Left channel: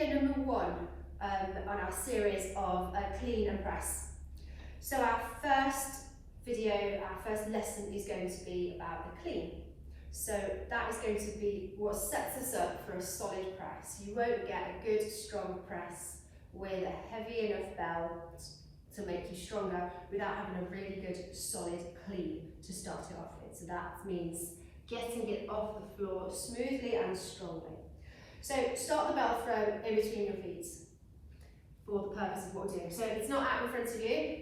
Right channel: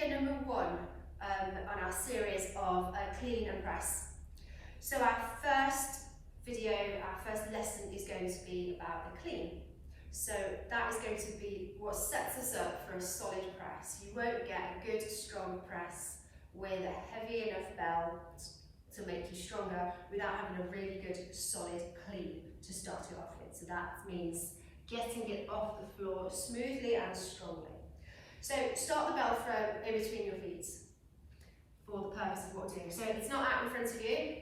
video number 1 on our series of clean and press. So our first video, our first lesson is going to be about the clean. So that is going to be what sets us up for a solid press. You won't get a good strong press with a heavy enough bell to make you stronger without having a really good solid clean to start it off with. So that means getting it off the floor smoothly and strongly. So start the bell throw in between your feet for the purpose of what we're doing. So it's not out in front of you.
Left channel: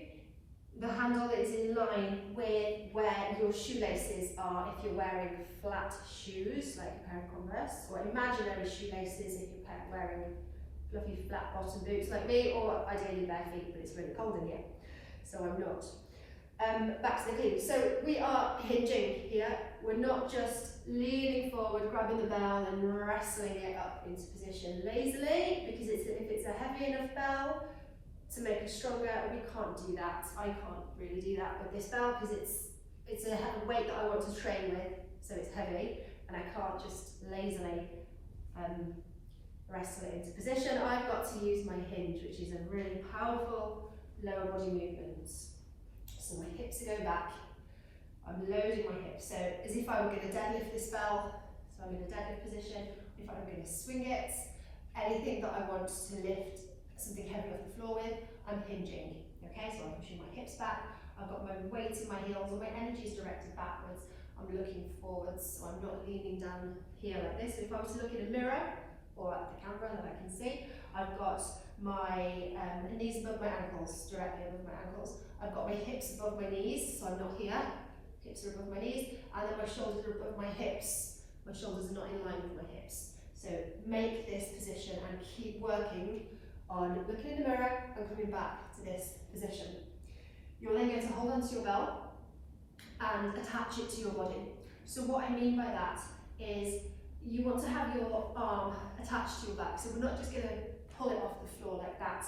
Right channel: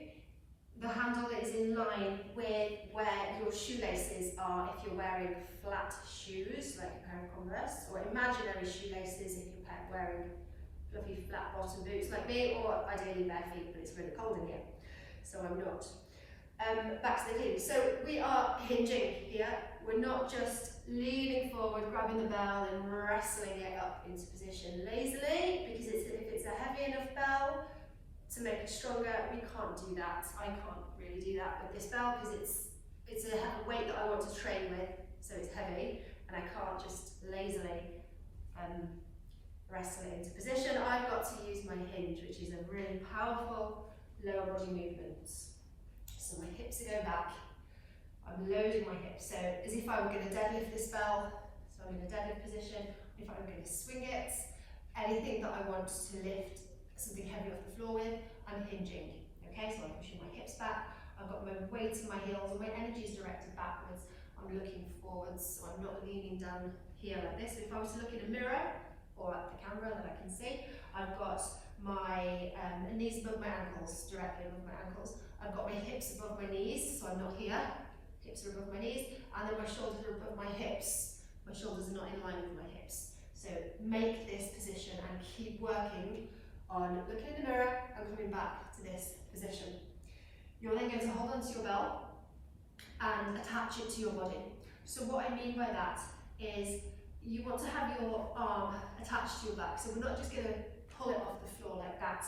The handle is in line with where your shoelaces are if you're wearing flat shoes, like a pair of Converse, or imaginary shoelaces if you're wearing fluffy flat bottom boots like me, or ideally bare feet, but it's really cold in here, so I'm not. Back to the clean. So we are hinging here. We're not just leaning forward, grabbing the bell and wrestling it up into position lazily, because if it's a heavy enough bell to make us stronger, we can't do that. I can't really do that with this bell because it's a weight that I want to train with, so it's heavy, and I can't just lazily wrestle it into position. I've got to use my hinge, which is a really powerful lower body movement. So my hips are going back, I'm loading my hips, so as if I were going to deadlift this bell, so I'm in a deadlift position. If I were going to swing it, anything that I want to lift something heavy off the floor with, I'm hinging. Okay, so I'm pushing my hips back, I've got my weight in my heels, and my energy is directed backwards. I'm looking forwards, so I'm not leaning down here like this. If I was to look in a mirror, or at the camera that I can see, I've got my knees above my ankles, directly above my ankles. I've got my hips above my knees, so I'm not here. Hips are above my knees, and then my shoulders are above my hips. My shoulders are not in line with my hips. So make this position and keep working on looking in the mirror and coming back to this position. You're then going to hold onto your bell and attach it to your body. So what I mean by that is you want to have your arm attached to your back. So we're not just going to pull it off the floor like that.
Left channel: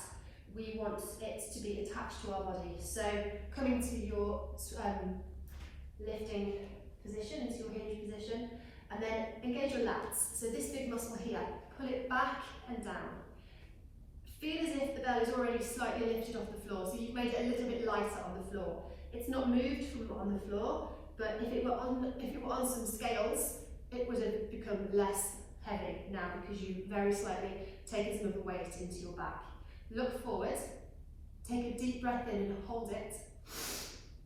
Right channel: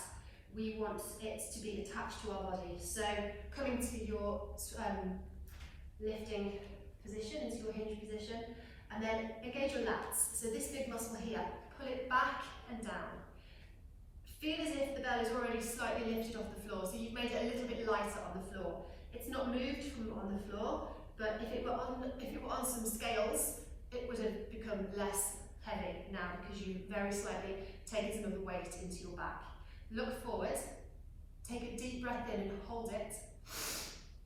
We want it to be attached to our body. So coming to your lifting position, into your hinge position, and then engage your lats. So this big muscle here, pull it back and down. Feel as if the bell is already slightly lifted off the floor, so you've made it a little bit lighter on the floor. It's not moved from on the floor, but if it were on some scales, it would have become less heavy now because you very slightly taken some of the weight into your back. Look forward, take a deep breath in and hold it,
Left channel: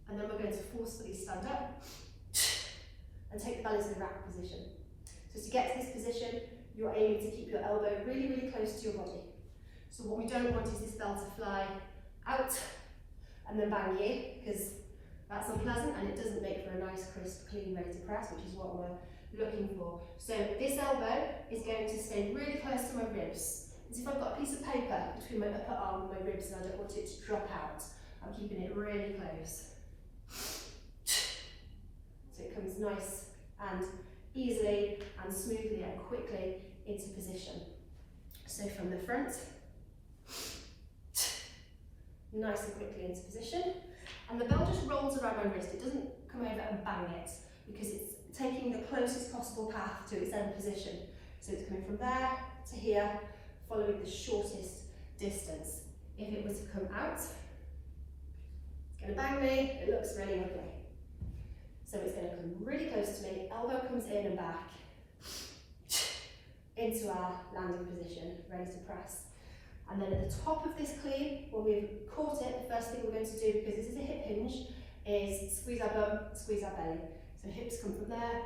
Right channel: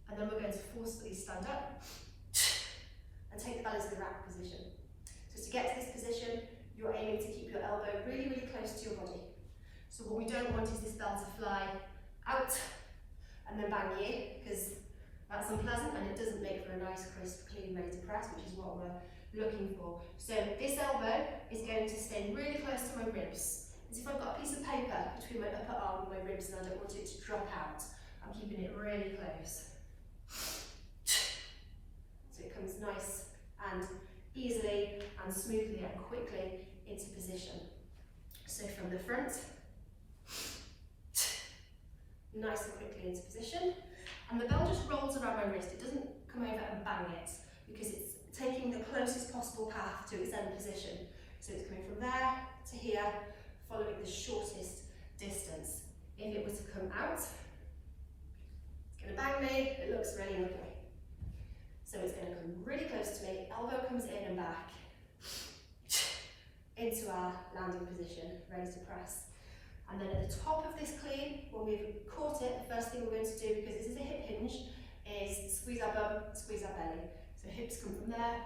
and then we're going to forcefully stand up and take the bell into the rack position. So to get to this position, you're aiming to keep your elbow really, really close to your body. So what we don't want is this bell to fly out and then bang you, because that's unpleasant and it doesn't make for a nice, crisp, clean, ready to press, which is what we're looking for. So this elbow is going to stay really close to my ribs. As if I've got a piece of paper between my upper arm and my ribs and I don't want it to drop out. I'm keeping it really close. So it comes nice and easily and smoothly and quickly into position. So from the front, nice and quickly into position. And the bell just rolls around my wrist. It doesn't come over and bang it because it's taking the closest possible path to its end position. So it's coming from there to here, following the shortest distance. If it was to come out, it's going to bang me, it looks really ugly. So it's going to come really close to me, elbow comes in and back, into our landing position, ready to press. And then at the top of this clean, when we've caught it, the first thing we're going to do, because this is a hip hinge, is squeeze our bum, squeeze our belly. So hips come from there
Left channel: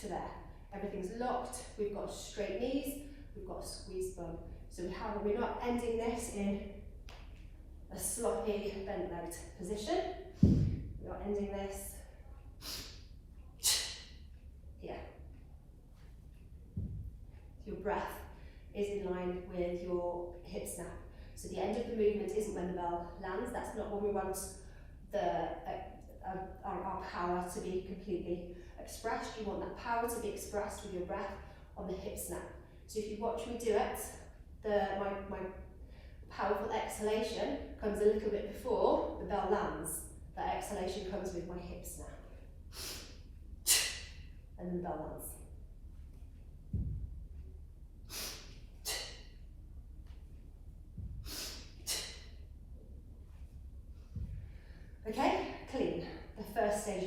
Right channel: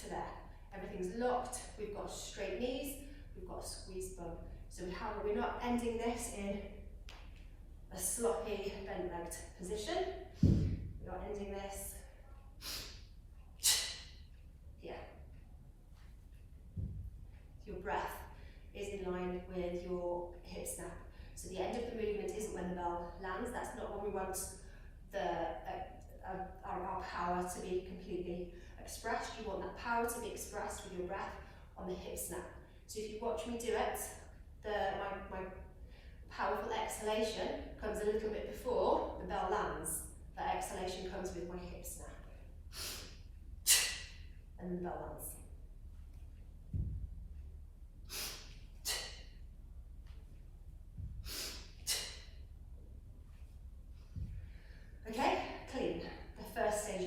to there. Everything's locked, we've got straight knees, we've got a squeezed bum. So we're not ending this in a sloppy, bent-legged position. We're not ending this here. Your breath is in line with your hip snap. So the end of the movement isn't when the bell lands. That's not when we want our power to be completely expressed. You want that power to be expressed with your breath on the hip snap. So if you watch me do it, my powerful exhalation comes a little bit before the bell lands. That exhalation comes with my hip snap. And then the bell lands. Okay, clean, the first stage.